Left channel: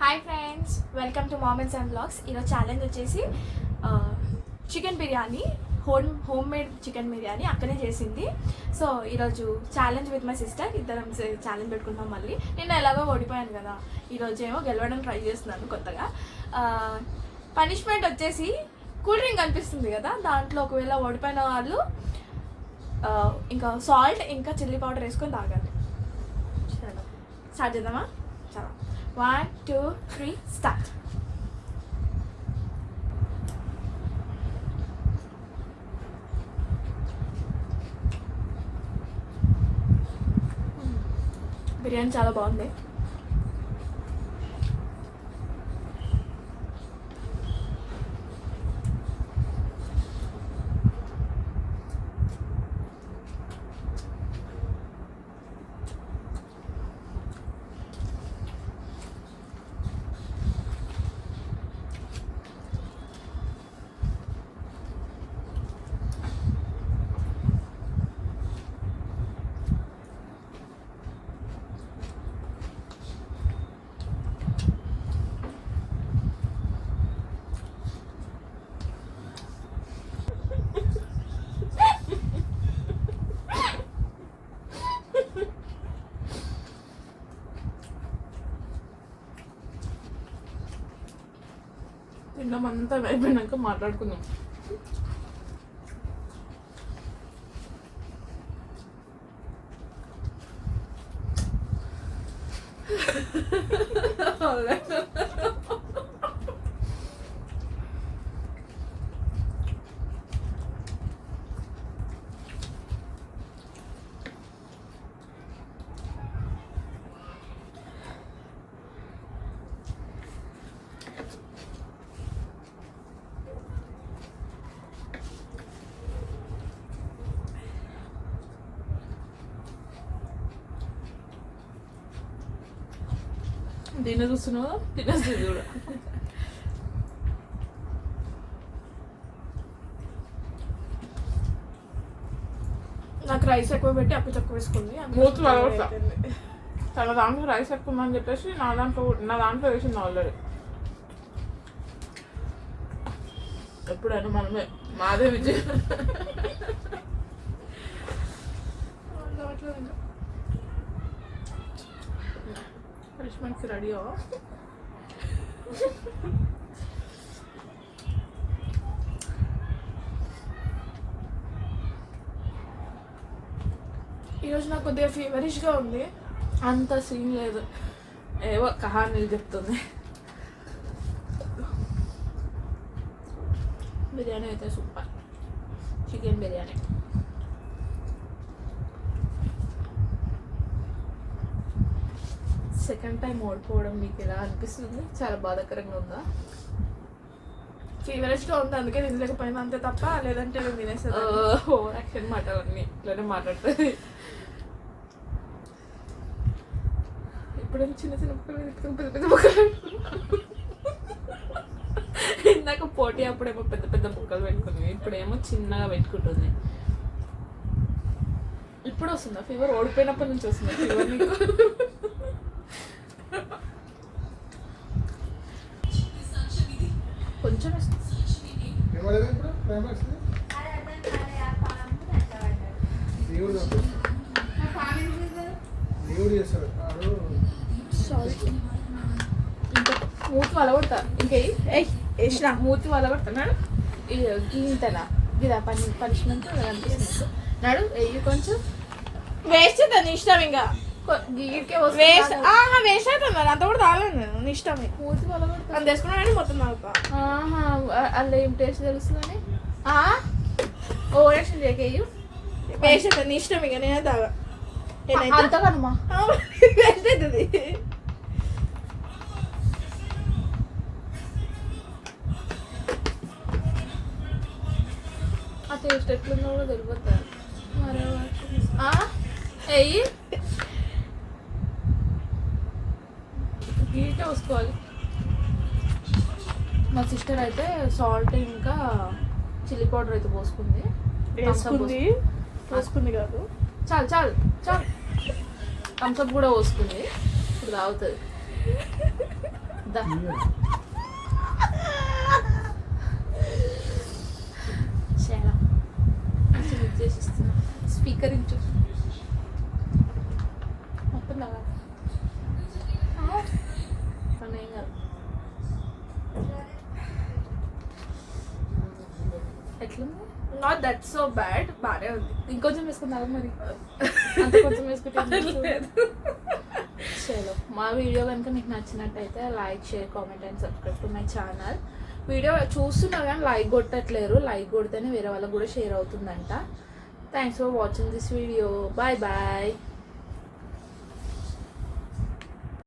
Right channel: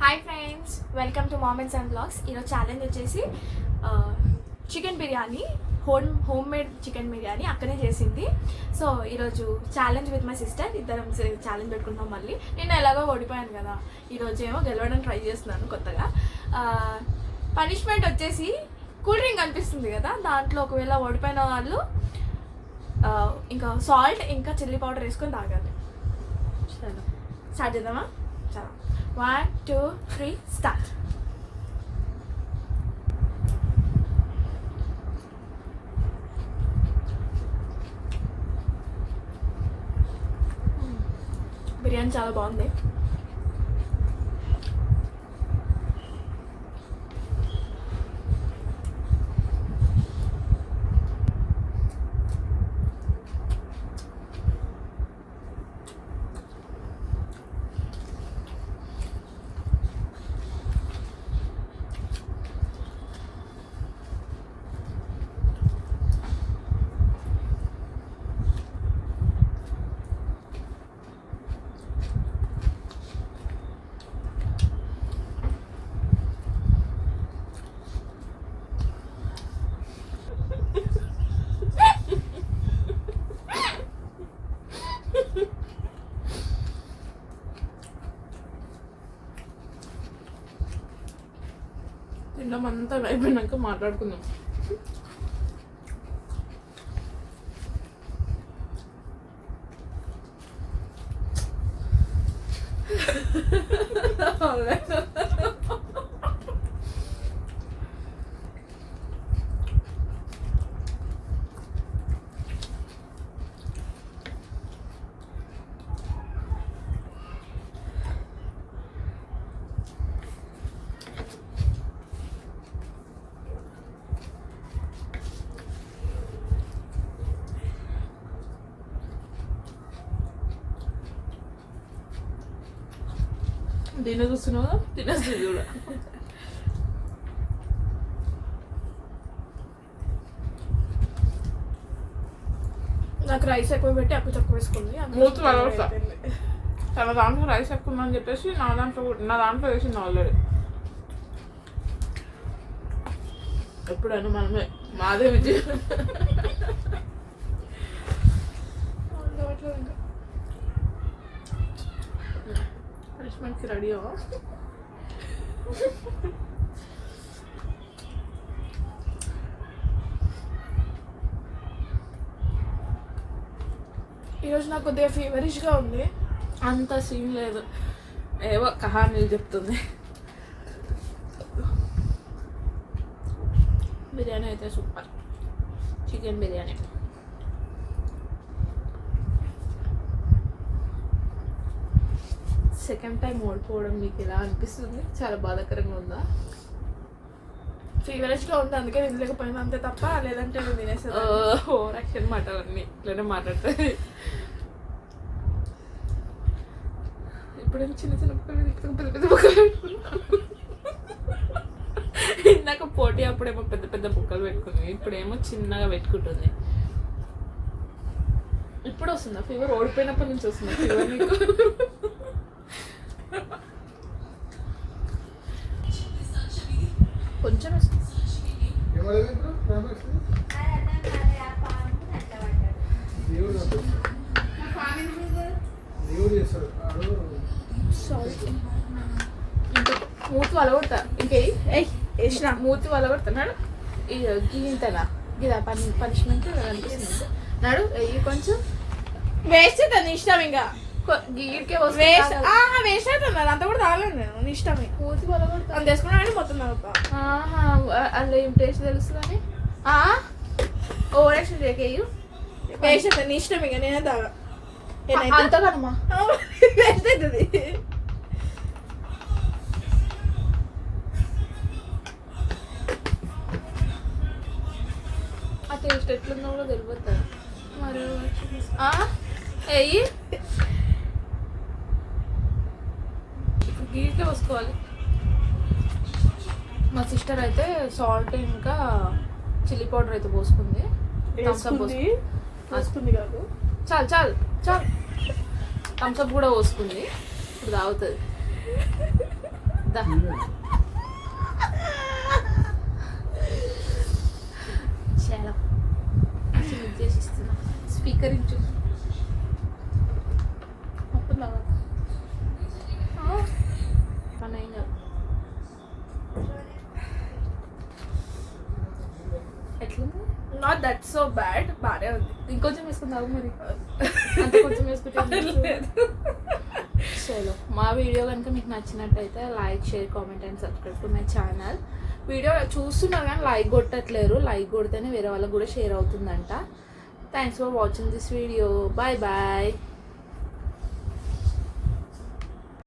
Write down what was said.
Hi friends, welcome to mom and son blogs. ఈరోజు challenge వచ్చేసి chicken biryani, homemade chicken biryani అక్కనే చేసింది. So ఈరోజు ఛాలెంజ్ విత్ మై సిస్టర్, ఇద్దరం ఛాలెంజ్ పెట్టుకుంటాం. మళ్ళీ నేను ఎలాగో ఓడిపోయాను కదా, ఈరోజు ఏమో గెలవడానికి ట్రై చేస్తున్నాను కొత్తగా. పనిష్మెంట్ వచ్చేసి కూల్ డ్రింక్ అనిపిస్తుంది కదా, దాంట్లో ఒకవేళ ఓడిపోయిన వాళ్ళు ఇంకా సాల్ట్ ఇంకా చిల్లీ పౌడర్ వేసుకొని తాగాలి. స్టార్ట్ చేద్దామా? చాలా 1, 2, 3 స్టార్ట్. బిర్యానీ చాలా బాగుంది. తిన్నామంతా అయిపోయినాక మాట్లాడుకుందాం. దీన్ని చూస్తున్నావా? తినేస్తుంది కూడా. నాకు రైస్ ఎక్కువ పెట్టి అప్పు తక్కువ వేసుకుంది. మూతి వలవడతా. తన దాంట్లో రైస్ ఎక్కువ ఉందని చెప్పేసి నా దాంట్లో వేసింది ఆల్రెడీ. ఎప్పుడైనా మనమే మాదే విజయం. పనిష్మెంట్కి రెడీయో? ఈరోజు నాకు కొద్దిగా ఫీవరిష్గా ఉంది. అంత సీన్ లేదు, ఏవో కహానీలు చెప్తుంది. బిర్యానీ అయితే super. Chicken biryani second time ఓడిపోవడం మీకు ఎలా అనిపిస్తుంది? చాలా బాధాకరంగా ఉందా? ఫీవరిష్గా ఉంది, అందుకే తినలేకపోయినా అంతే తప్ప, లేదంటే నేను తినేస్తాను. యాక్షన్ మాటలన్నీ ఇట్లనే మాట్లాడుతుంది. ఇప్పుడేమో చిన్న చిన్న ముక్కలు పెద్ద పెద్ద ముక్కలు. ఇందాక పోటీ అప్పుడేమో పెద్ద పెద్ద ముక్కలు పెట్టుకుంది, ఇప్పుడేమో చిన్నగా పెట్టుకుంటుంది. ఇప్పుడు వస్తుందా ఫీవర్? ఓడిపోయినప్పటి నుంచి వస్తుందా ఫీవర్ నీకు? కొంచెం మూతి వలగొడతా. ఇంకే మూతి వలగొడతాడు. ఇంతనా గిదా పనిష్మెంట్ అనిపిస్తుంది. నాడు వెయ్యి కొంచెం వేస్ట్ అవుతుంది ఇష్టం. ఇంకా గీడికే వేస్ట్ అవుతుంది, అంత కూడా తాగలేదు నేను. నీ ఇష్టం. మూతి వలగొడతా. అది చేసుకున్నామని మొత్తం తాగుతా. అందులో ఏం టేస్ట్ తెలుస్తుందని ఓవర్ యాక్షన్ చేయకేయు. వేస్ట్ అవుతుంది, నీ ఇష్టం. ఇక నేనే తాగా. అంతకనమా వేస్ట్ అవుతుంది. ఆ టేస్ట్ ఎట్లుందో కూడా తెలిపోతుంది. మరి వెయ్యి గీకే పోసుకోవాలి. మా సిస్టర్ అయితే సాల్ట్ ఇంకా చిల్లీ పౌడర్ అయితే పోసుకుంది. పోసుకుంది కాదు, చాలు చాలు చాలు థమ్స్అప్ కూడా పోసుకుంది. ఇప్పుడు తాగుతుంది. దా. చాలా చేసి ఇస్తున్నా. స్పీకర్ ఇచ్చు మొత్తం దాకా పని ఏం కాదు. ఎట్లుంది? నాట్ దట్ సో బ్యాడ్, బాగానే ఉంది. ఇంకొంచెం వేసుకుందాం మరి. అంత కొంచెం వేసుకుంటే చలో. మా వీడియో కనుక మీకు నచ్చినట్టయితే like, share, comment and subscribe to my channel. Video చూస్తున్నా కానీ లైక్ కొట్టట్లేరు. లైక్ కొడితేనే వేరే వాళ్ళకి కూడా షేర్ అవుతుందంట. Thanks for watching this video. Bye bye.